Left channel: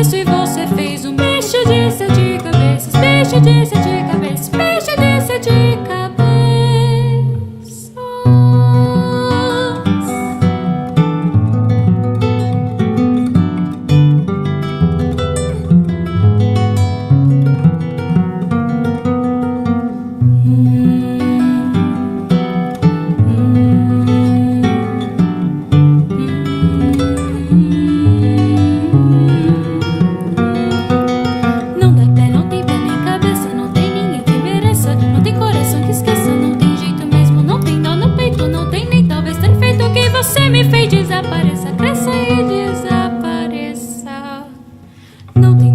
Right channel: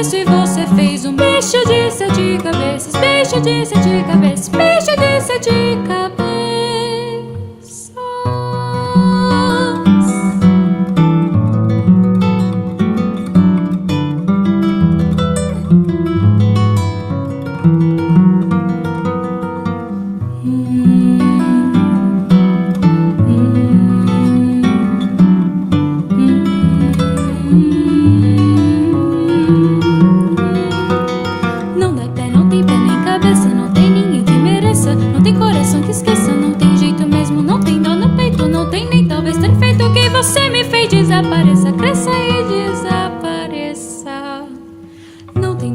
isso e você fez um bicho de sete cabeças, bicho de sete cabeças, bicho de sete cabeças. Não dá pé, não tem pé nem cabeça, não tem ninguém que mereça, não tem coração que esqueça, não tem jeito mesmo, não tem dó no peito, não tem nem talvez ter feito o que você me fez. Desapareça, cresça e desapareça. Não tem